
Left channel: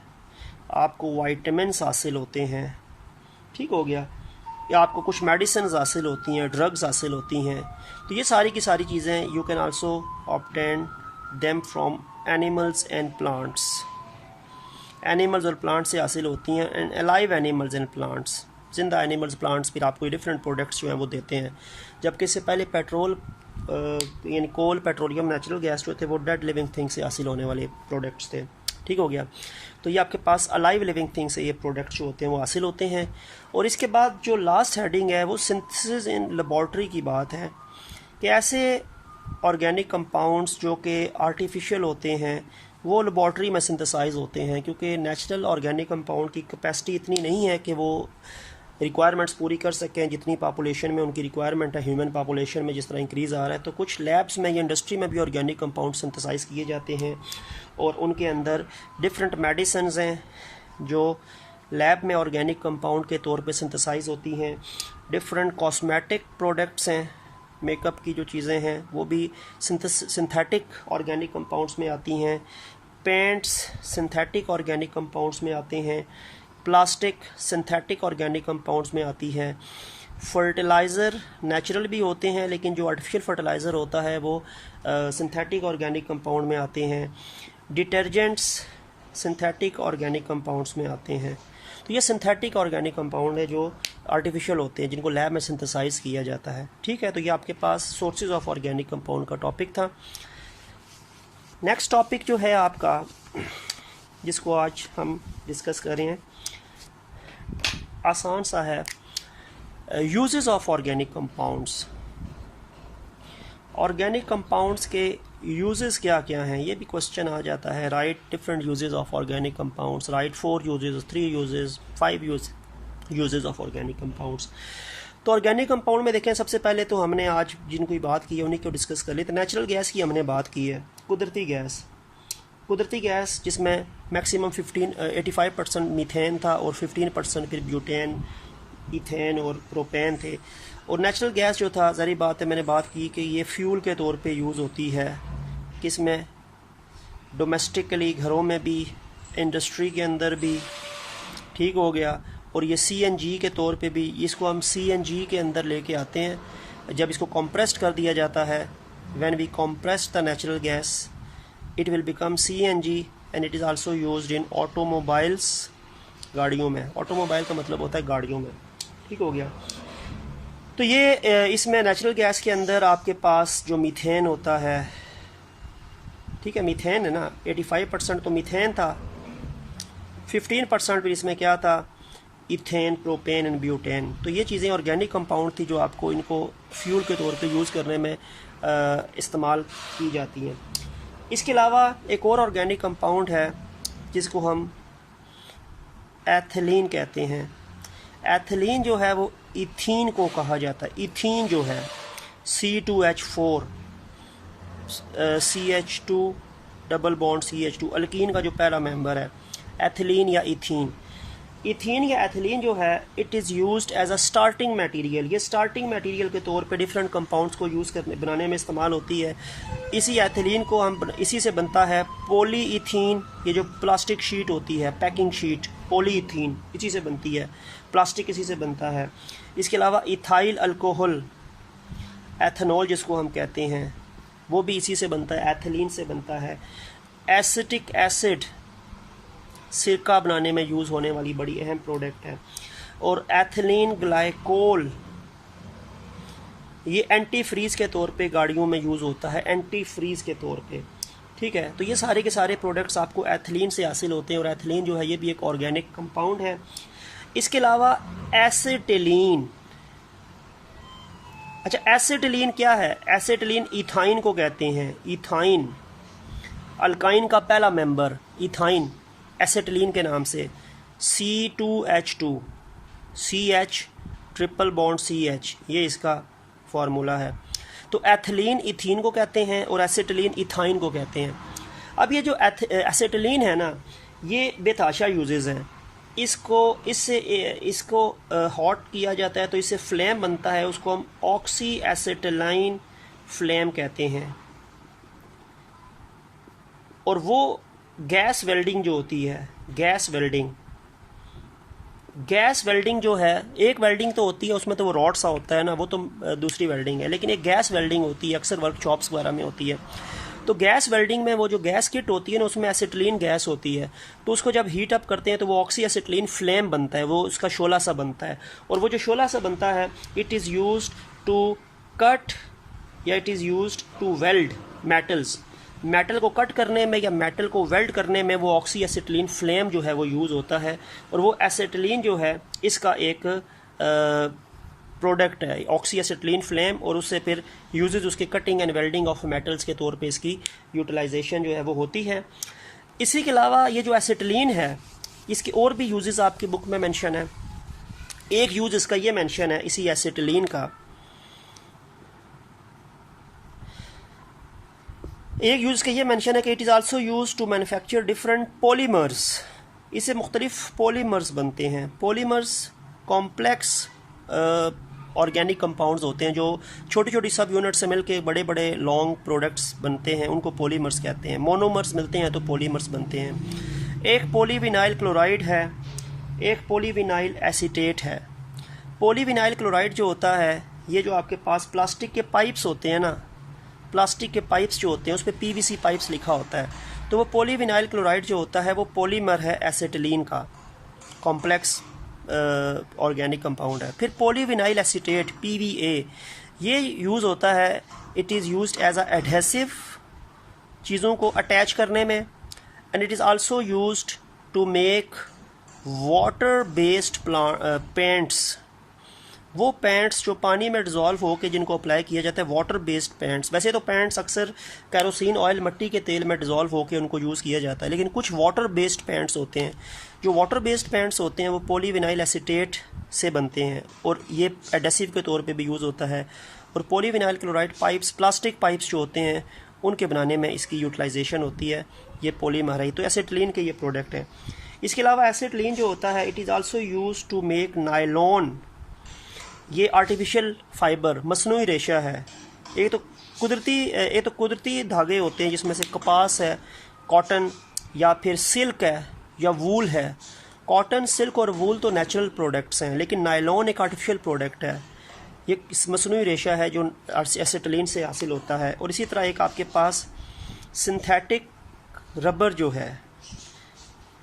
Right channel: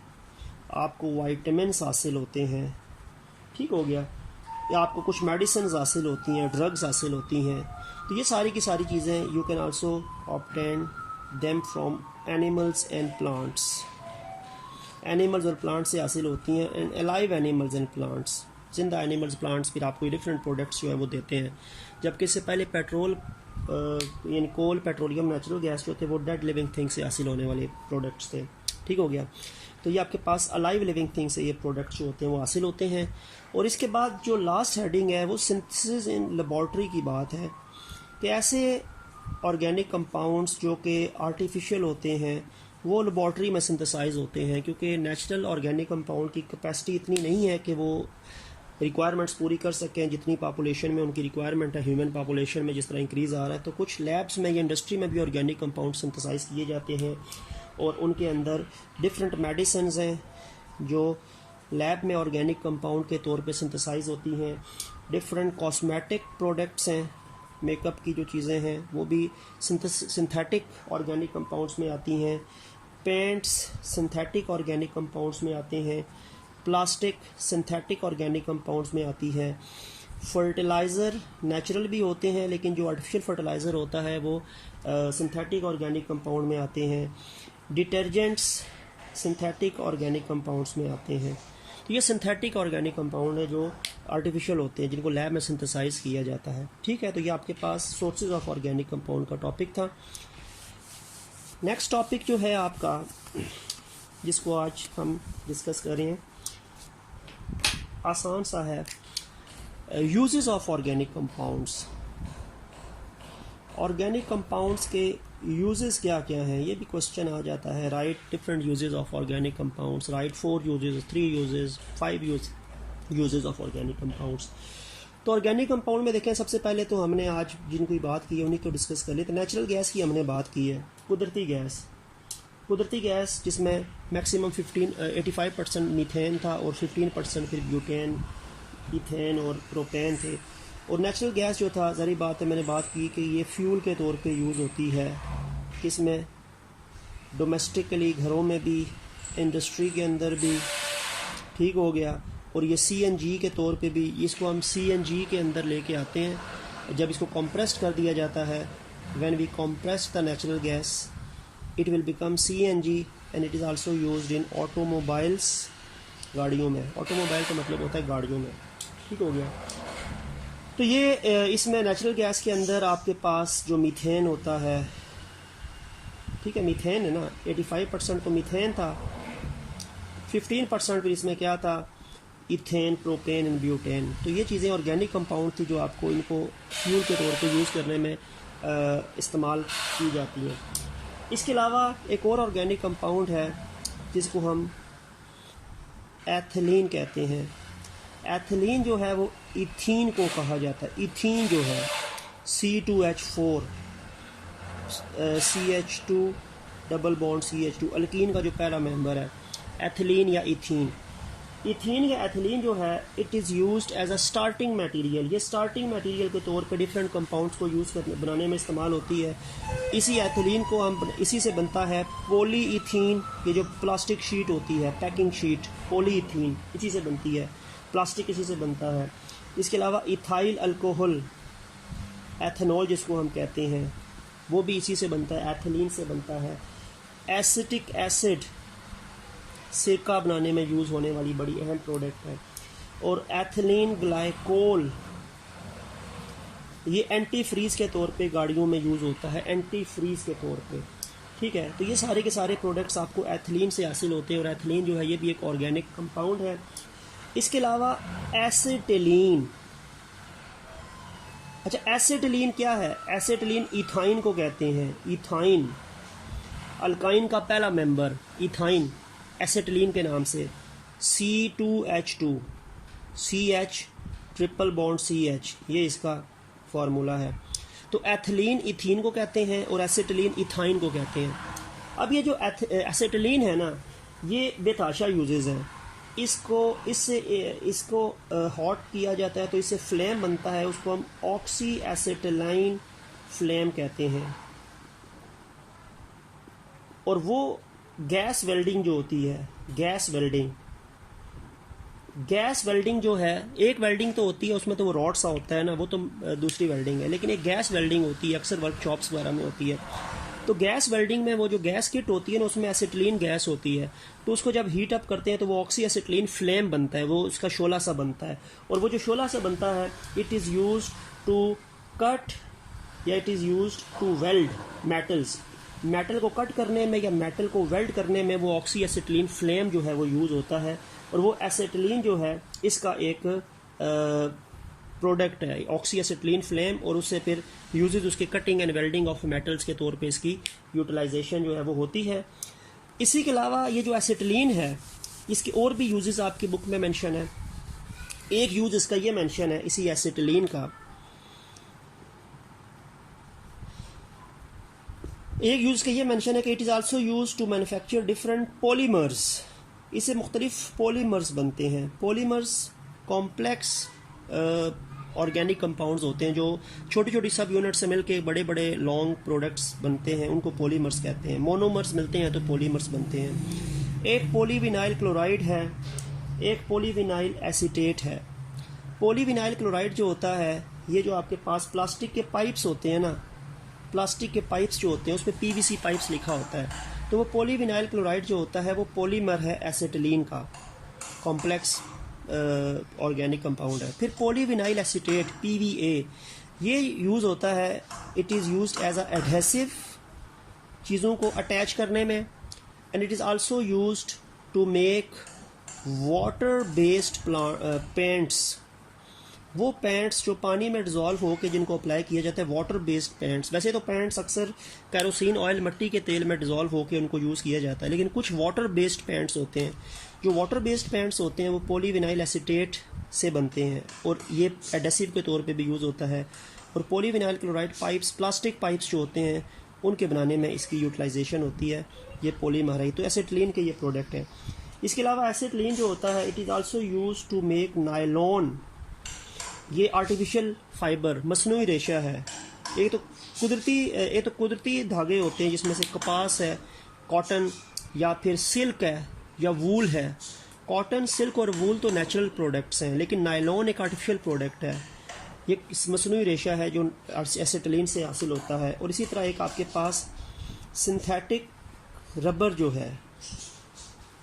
आपको वाइटामिन्स हासिल होते हैं, ठीक हो गया। या आपको कुछ मेडिसिन हासिल होती हैं, ड्रग्स हासिल होती हैं। तो ये सारी की सारी चीज़ें you can also obtain them from animals and plants. Animals और प्लांट्स से हासिल होती हैं, and alive animals and plants, जिंदा एनिमल्स, प्लांट्स फिर आपको डिफरेंट प्रोडक्ट्स जो हैं वो देते हैं। जबकि इससे पहले पेट्रोल यानी कोल, पेट्रोलियम, नेचुरल गैस जो थे वो डेड लिविंग थिंग से हासिल होने वाले प्रोडक्ट्स थे, ठीक हो गया। तो ये आपके पास अलाइव लिविंग थिंग से ये प्रोडक्ट्स जो होते हैं वो हासिल होते हैं। और इसके बाद जो लास्ट हेडिंग है वो सिंथेसिस इन लेबॉर्ट्री की बात है कि ऐसे ऑर्गेनिक कंपाउंड्स जो कि आर्टिफिशियल होते हैं वो लेबॉर्ट्री में सिंथेसाइज होते हैं, क्योंकि नेचुरल ऑर्गेनिक कंपाउंड की कैपेसिटी इतनी नहीं है कि वो रिक्वायरमेंट्स पूरी कर सकें जितनी पॉपुलेशन में उनकी रिक्वायरमेंट है, ह्यूमन पॉपुलेशन में जिस तरह इंक्रीज़ आ रहा है। तो कुछ लैब्स में या इंडस्ट्री में भी ऑर्गेनिक कंपाउंड सिंथेसाइज किए जाते हैं और उनके अंदर डिफरेंट मेडिसिन्स हैं जो लैब में ऑर्गेनिक कंपाउंड के तौर पे सिंथेसाइज होती हैं। डिफरेंट कॉस्मेटिक प्रोडक्ट्स हैं, मेकअप की जो चीज़ें हैं वो भी सिंथेटिक ऑर्गेनिक कंपाउंड्स में आती हैं। पेंट्स सिंथेटिक ऑर्गेनिक कंपाउंड्स में आते हैं। प्लास्टिक सिंथेटिक ऑर्गेनिक कंपाउंड्स में आती है। फर्टिलाइज़र नेचुरल भी होते हैं लेकिन जो आर्टिफिशियल फर्टिलाइज़र होता है वो सिंथेटिक ऑर्गेनिक कंपाउंड में आते हैं। डिटर्जेंट्स सिंथेटिक ऑर्गेनिक कंपाउंड्स में आते हैं। तो ये सिंथेटिक ऑर्गेनिक कंपाउंड है जो आर्टिफिशियल होते हैं जिनको लैब में सिंथेसाइज किया जाता है। ठीक है, तो ये आपके पास सोर्सेज ऑफ ऑर्गेनिक कंपाउंड का टॉपिक था। नेक्स्ट टॉपिक जो है आपका जिसको आज हम डिस्कस कर रहे हैं आसान सा है, uses of organic compounds. Organic compounds के यूजेस क्या क्या हैं ये भी क्वेश्चन आ जाता है। Right different uses of organic compounds, right 4 uses, 3 uses, 5 uses of organic compounds. तो ऑर्गेनिक कंपाउंड में देखें, सबसे पहले तो हमने आज जिनकी बात की है उन्हीं को डिस्कस कर ली। तो नेचुरल गैस की हमने बात की है, कुदरती गैस जिसमें मैक्सिमम 85% मीथेन था और 15% फिर ब्यूटेन, इथेन और प्रोपेन थे। और नेचुरल गैस जो था, ज़ाहिर बात है मैंने बात की कि ये फ्यूल के तौर पे यूज़ होती है, किसमें डोमेस्टिकली घरों में भी, इंडस्ट्री के अंदर भी, ठीक हो गया। और ये CNG के तौर पे भी, इसको हम CNG के अंदर लेके आते हैं जब इसको कंप्रेस्ड कर दिया जाता है। When we compress the natural gas it will become CNG and it is also used in automobiles, गाड़ियों में। ऑटोमोबाइल का मतलब होता है गाड़ियों में, ठीक हो गया। तो ये इसमें नेचुरल गैस के अंदर आपके पास जो मीथेन होता है, ठीक है, मीथेन है ना, 85% तो मीथेन था, 15% फिर इसमें क्या था, इथेन, प्रोपेन एंड ब्यूटेन। तो ये चीज़ें ऑर्गेनिक कंपाउंड थी जो आपको इनको फ्यूल के तौर पे यूज़ करने में इस्तेमाल की जाती हैं। इसके अलावा एक और ऑर्गेनिक कंपाउंड है जिसको हम एथिलीन कहते हैं। एथिलीन जो है वो इथीन को कहा जाता है। इथीन जो है C2H4 CH2 double bond CH2 alkyne का जो पहला मेंबर है, एथिलीन या इथीन। इथीन या एथिलीन जो है it is used as a starting material. ये स्टार्टिंग मटेरियल के तौर पे डिफरेंट कंपाउंड्स को यूज़ करने बनाने में इस्तेमाल होती है। इसी एथिलीन को हम इसी से बनता है पॉलीइथीन। ये जो प्लास्टिक शीट होती है, पैकिंग शीट, पॉलीइथीन इसी से बनती है, प्लास्टिक इसी से बनता है। इसके अलावा इथाइल अल्कोहल, एथेनॉल जिसको हम कहते हैं, वो भी इसी से बनता है, एथिलीन से बनता है। एसिटिक एसिड सिरका बनाने में यूज़ होने वाली बड़ी अहम प्रोडक्ट है। और एथिलीन ग्लाइकोल ये एंटी फ्रीज के तौर पे गाड़ियों में यूज़ होता है, एंटी फ्रीज के तौर पे, ठीक है। तो ये सारे के सारे प्रोडक्ट्स आपको एथिलीन से हासिल होते हैं और एथिलीन जो है ये भी एक ऑर्गेनिक कंपाउंड है। इसके अलावा एसिटिलीन, अच्छा एसिटिलीन क्या है? एसिटिलीन इथाइन को कहते हैं। इथाइन अल्काइन का पहला मेंबर इथाइन एसिटिलीन के नाम से, C2H2 CH triple bond CH, ये इसका फार्मूला है। तो एथिलीन इथीन को कहते हैं और एसिटिलीन इथाइन को कहते हैं। अब ये जो एसिटिलीन है ना, ये बेतहाशा यूजेस हैं। इसको हॉट किया जाता है तो इससे फ्लेम बनता है, उसको हम ऑक्सी एसिटिलाइन फ्लेम कहते हैं। और वो गैस वेल्डिंग जो होती है, गैस वेल्डिंग जो है, एक वेल्डिंग तो होती है उसमें तो वो रॉड सा होता है ना, वो तो दूसरी वेल्डिंग है, लेकिन एक गैस वेल्डिंग होती है, अक्सर वर्कशॉप्स वगैरह में होती है। तो गैस वेल्डिंग में वो जो गैस किट होती है ना, उसमें एसिटिलीन गैस होती है, तो उसको जब हीट अप करते हैं तो वो ऑक्सी एसिटिलीन फ्लेम बनता है, वो उसका शोला सा बनता है। और वो जो शोला सा बनता है it is used to cut या it is used to weld metals. Metal को कट करने में या मेटल को वेल्ड करने में वो ऑक्सी एसिटिलीन फ्लेम जो है वो यूज़ होता है। और वो एसिटिलीन जो है इसका एक प्रोडक्ट है, ऑक्सी एसिटिलीन फ्लेम, और उससे फिर यूजेज उसके cutting and welding of metals के तौर पे इसकी यूटिलाइजेशन जो है वो होती है। इसी के अलावा ये जो एसिटिलीन है इसके और भी यूजेस आपकी बुक में मेंशन है। एक यूज इसका ये मेंशन है इसी एसिटिलीन का, एक यूज का ये मेंशन है कि it is also use to manufacture different polymers, इससे मुख्तलिफ पॉलीमर्स बनते हैं। पॉलीमर्स कॉम्प्लेक्स ऑर्गेनिक कंपाउंड्स होते हैं जो छोटी छोटी सब यूनिट से मिलकर बड़े बड़े लॉन्ग प्रोडक्ट्स बनते हैं, उनको पॉलीमर्स कहते हैं। मोनोमर्स मिलते हैं तो पॉलीमर्स बनते हैं। एक पॉलीविनाइल क्लोराइड है, एक पॉलीविनाइल एसीटेट है। पॉलीविनाइल क्लोराइड जो होता है, ये जो आपके पास प्लास्टिक के पाइप्स होते हैं ना, प्लास्टिक के पाइप्स जो होते हैं उस पर PVC पाइप्स लिखा होता है, तो वो पॉलीविनाइल क्लोराइड जो होता है वो पॉलीमर है एसिटिलीन का, कॉम्प्लेक्स ऑर्गेनिक कंपाउंड है। फिर पॉलीविनाइल एसीटेट PVA, ये यूज़ होता है, it is used as a adhesive, चीज़ों को अटैच करने में, and it is also used to make water based paints, वो पेंट्स जो पानी में डिज़ोल्व हो के जिनको अप्लाई किया जाता है, वाटर बेस्ड पेंट्स। वैसे तो पेंट्स अक्सर कैरोसिन ऑयल, मिट्टी के तेल में डिज़ोल्व हो के उनको यूज़ किया जाता है, लेकिन कुछ वाटर बेस्ड पेंट्स होते हैं। जो वाटर बेस्ड पेंट्स होते हैं वो पॉलीविनाइल एसीटेट से बनते हैं और ये एडेसिव के तौर पे भी यूज़ होता है। और polyvinyl chloride pipes, plastic pipes जो होते हैं उनके बनाने में इसकी यूटिलाइजेशन होती है, ये पॉलीमर है। तो एसिटिलीन के ये प्रोडक्ट हैं। इसके अलावा एसिटिलीन जो होता है, it is also use to make nylon, ये आर्टिफिशियल फाइबर, मसनूई रेशा है। एक तो कुदरती धागे होते हैं जिसमें से कपास है, कॉटन या फिर सिल्क है या वूल है। कॉटन, सिल्क और वूल तो नेचुरल प्रोडक्ट्स हैं, लेकिन नायलॉन एक आर्टिफिशियल प्रोडक्ट है, ये मसनूई रेशा है जो एसिटिलीन से हासिल होता है। और इसी तरह एक आपके पास सिंथेटिक रबर जो है,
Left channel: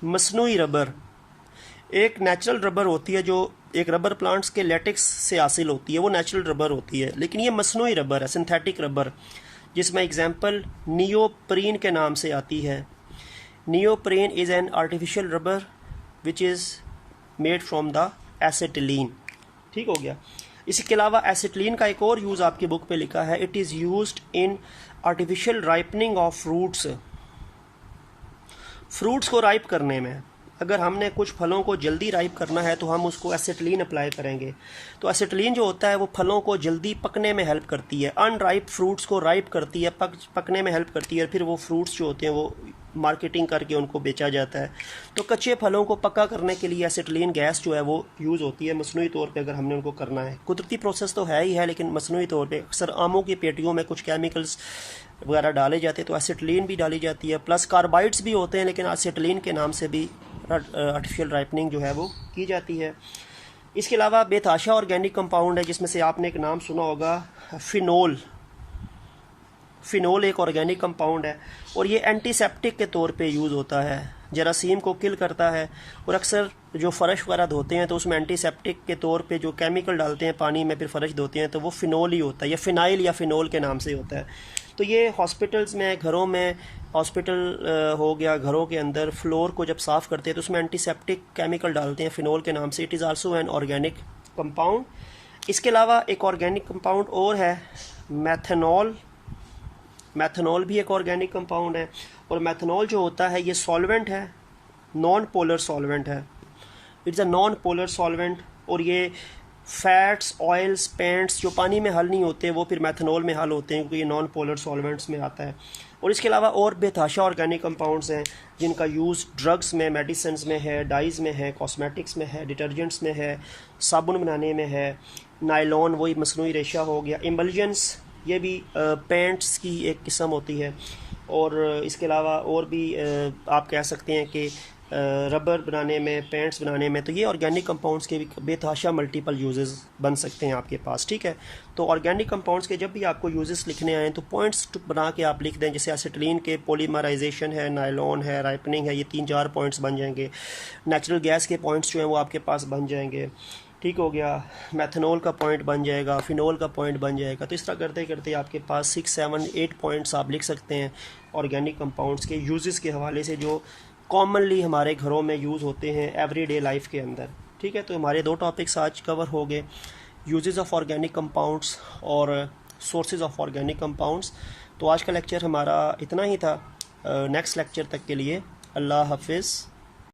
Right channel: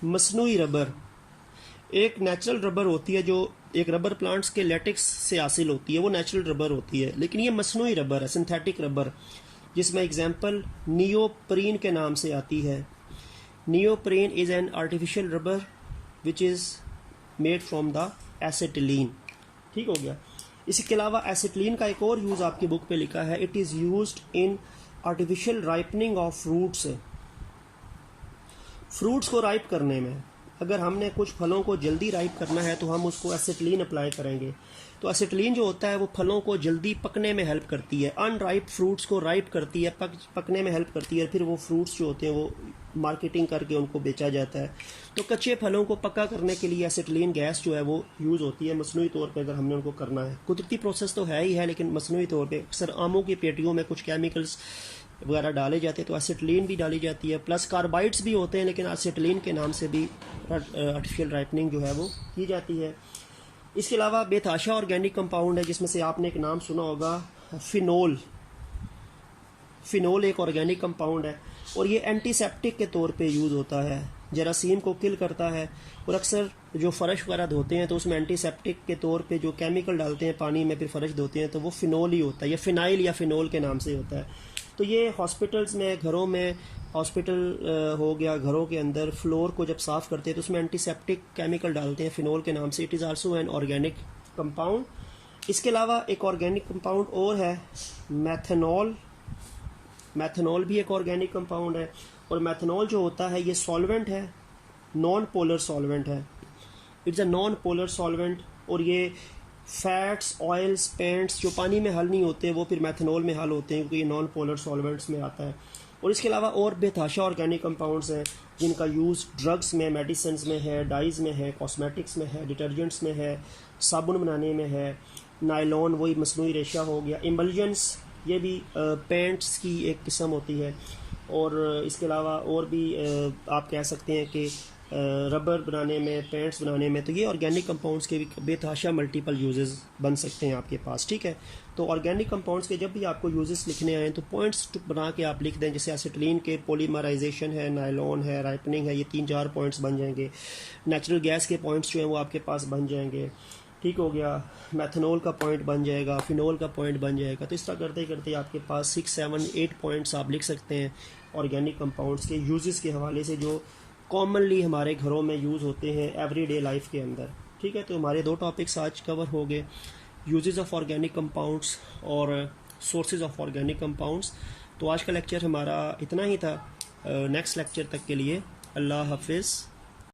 मसनूई रबर, एक नेचुरल रबर होती है जो एक रबर प्लांट्स के लेटेक्स से हासिल होती है, वो नेचुरल रबर होती है, लेकिन ये मसनूई रबर है, सिंथेटिक रबर, जिसमें एग्जांपल नियोप्रीन के नाम से आती है। Neoprene is an artificial rubber which is made from the acetylene. ठीक हो गया। इसके अलावा एसिटिलीन का एक और यूज़ आपकी बुक पे लिखा है, it is used in artificial ripening of fruits, fruits को राइप करने में। अगर हमने कुछ फलों को जल्दी राइप करना है तो हम उसको एसिटिलीन अप्लाई करेंगे। तो एसिटिलीन जो होता है वो फलों को जल्दी पकने में हेल्प करती है, अनराइप फ्रूट्स को राइप करती है, पकने में हेल्प करती है। फिर वो फ्रूट्स जो होते हैं वो मार्केटिंग करके उनको बेचा जाता है। तो कच्चे फलों को पक्का करने के लिए एसिटिलीन गैस जो है वो यूज़ होती है मसनूई तौर पे, अगर हमने उनको करना है। कुदरती प्रोसेस तो है ही है, लेकिन मसनूई तौर पे अक्सर आमों की पेटियों में कुछ केमिकल्स वगैरह डाले जाते हैं, तो एसिटिलीन भी डाली जाती है, प्लस कार्बाइड्स भी होते हैं, लेकिन एसिटिलीन के नाम से भी आर्टिफिशियल राइपनिंग जो है वो की जाती है। इसके अलावा बेतहाशा ऑर्गेनिक कंपाउंड है, जिसमें से आपने एक नाम सुना होगा, फिनोल। फिनोल एक ऑर्गेनिक कंपाउंड है और ये एंटीसेप्टिक के तौर पे यूज़ होता है, जरासीम को किल करता है। और अक्सर जो फ़र्श वगैरह धोते हैं तो उसमें एंटीसेप्टिक के तौर पे जो केमिकल डालते हैं पानी में, फिर फ़र्श धोते हैं, तो वो फिनोल ही होता है, या फिनाइल या फिनोल के नाम से होता है। तो ये हॉस्पिटल्स में, घरों में, हॉस्पिटल हो गया, घरों के अंदर फ्लोर को जब साफ़ करते हैं तो उसमें एंटीसेप्टिक केमिकल डालते हैं फिनोल के नाम से। It is also an organic compound. इसके अलावा एक ऑर्गेनिक कंपाउंड और है, मैथनॉल। मैथनॉल भी एक ऑर्गेनिक कंपाउंड है, और मैथनॉल जो होता है ये सॉल्वेंट है, नॉन पोलर सॉल्वेंट है। It's a non polar solvent, और ये फैट्स, ऑयल्स, पेंट्स जो पानी में हल नहीं होते वो फिर मैथनॉल में हल होते हैं, क्योंकि ये नॉन पोलर सॉल्वेंट्स में आता है। और इसके अलावा और बेतहाशा ऑर्गेनिक कंपाउंड्स हैं जिनका यूज़ ड्रग्स में, मेडिसिन्स में है, डाइज में है, कॉस्मेटिक्स में है, डिटर्जेंट्स में है, साबुन बनाने में है। नायलॉन वही मसनूई रेशा हो गया। इमल्जेंस ये भी पेंट्स की एक किस्म होती है। और इसके अलावा और भी आप कह सकते हैं कि रबर बनाने में, पेंट्स बनाने में, तो ये ऑर्गेनिक कंपाउंड्स के भी बेतहाशा मल्टीपल यूजेस बन सकते हैं आपके पास। ठीक है, तो ऑर्गेनिक कंपाउंड्स के जब भी आपको यूजेस लिखने आए तो पॉइंट्स बना के आप लिख दें, जैसे एसिटिलीन के पॉलीमराइजेशन है, नायलॉन है, राइपनिंग है, ये 3-4 पॉइंट्स बन जाएंगे। नेचुरल गैस के पॉइंट्स जो हैं वो आपके पास बन जाएंगे। ठीक हो गया, मैथनॉल का पॉइंट बन जाएगा, फिनोल का पॉइंट बन जाएगा। तो इस तरह करते करते आपके पास 6, 7, 8 पॉइंट्स आप लिख सकते हैं ऑर्गेनिक कंपाउंड्स के यूजेस के हवाले से, जो कॉमनली हमारे घरों में यूज़ होते हैं एवरीडे लाइफ के अंदर। ठीक है, तो हमारे 2 टॉपिक्स आज कवर हो गए, यूजेस ऑफ ऑर्गेनिक कंपाउंड्स और सोर्सेज ऑफ ऑर्गेनिक कंपाउंड्स। तो आज का लेक्चर हमारा इतना ही था। नेक्स्ट लेक्चर तक के लिए अल्लाह हाफिज़।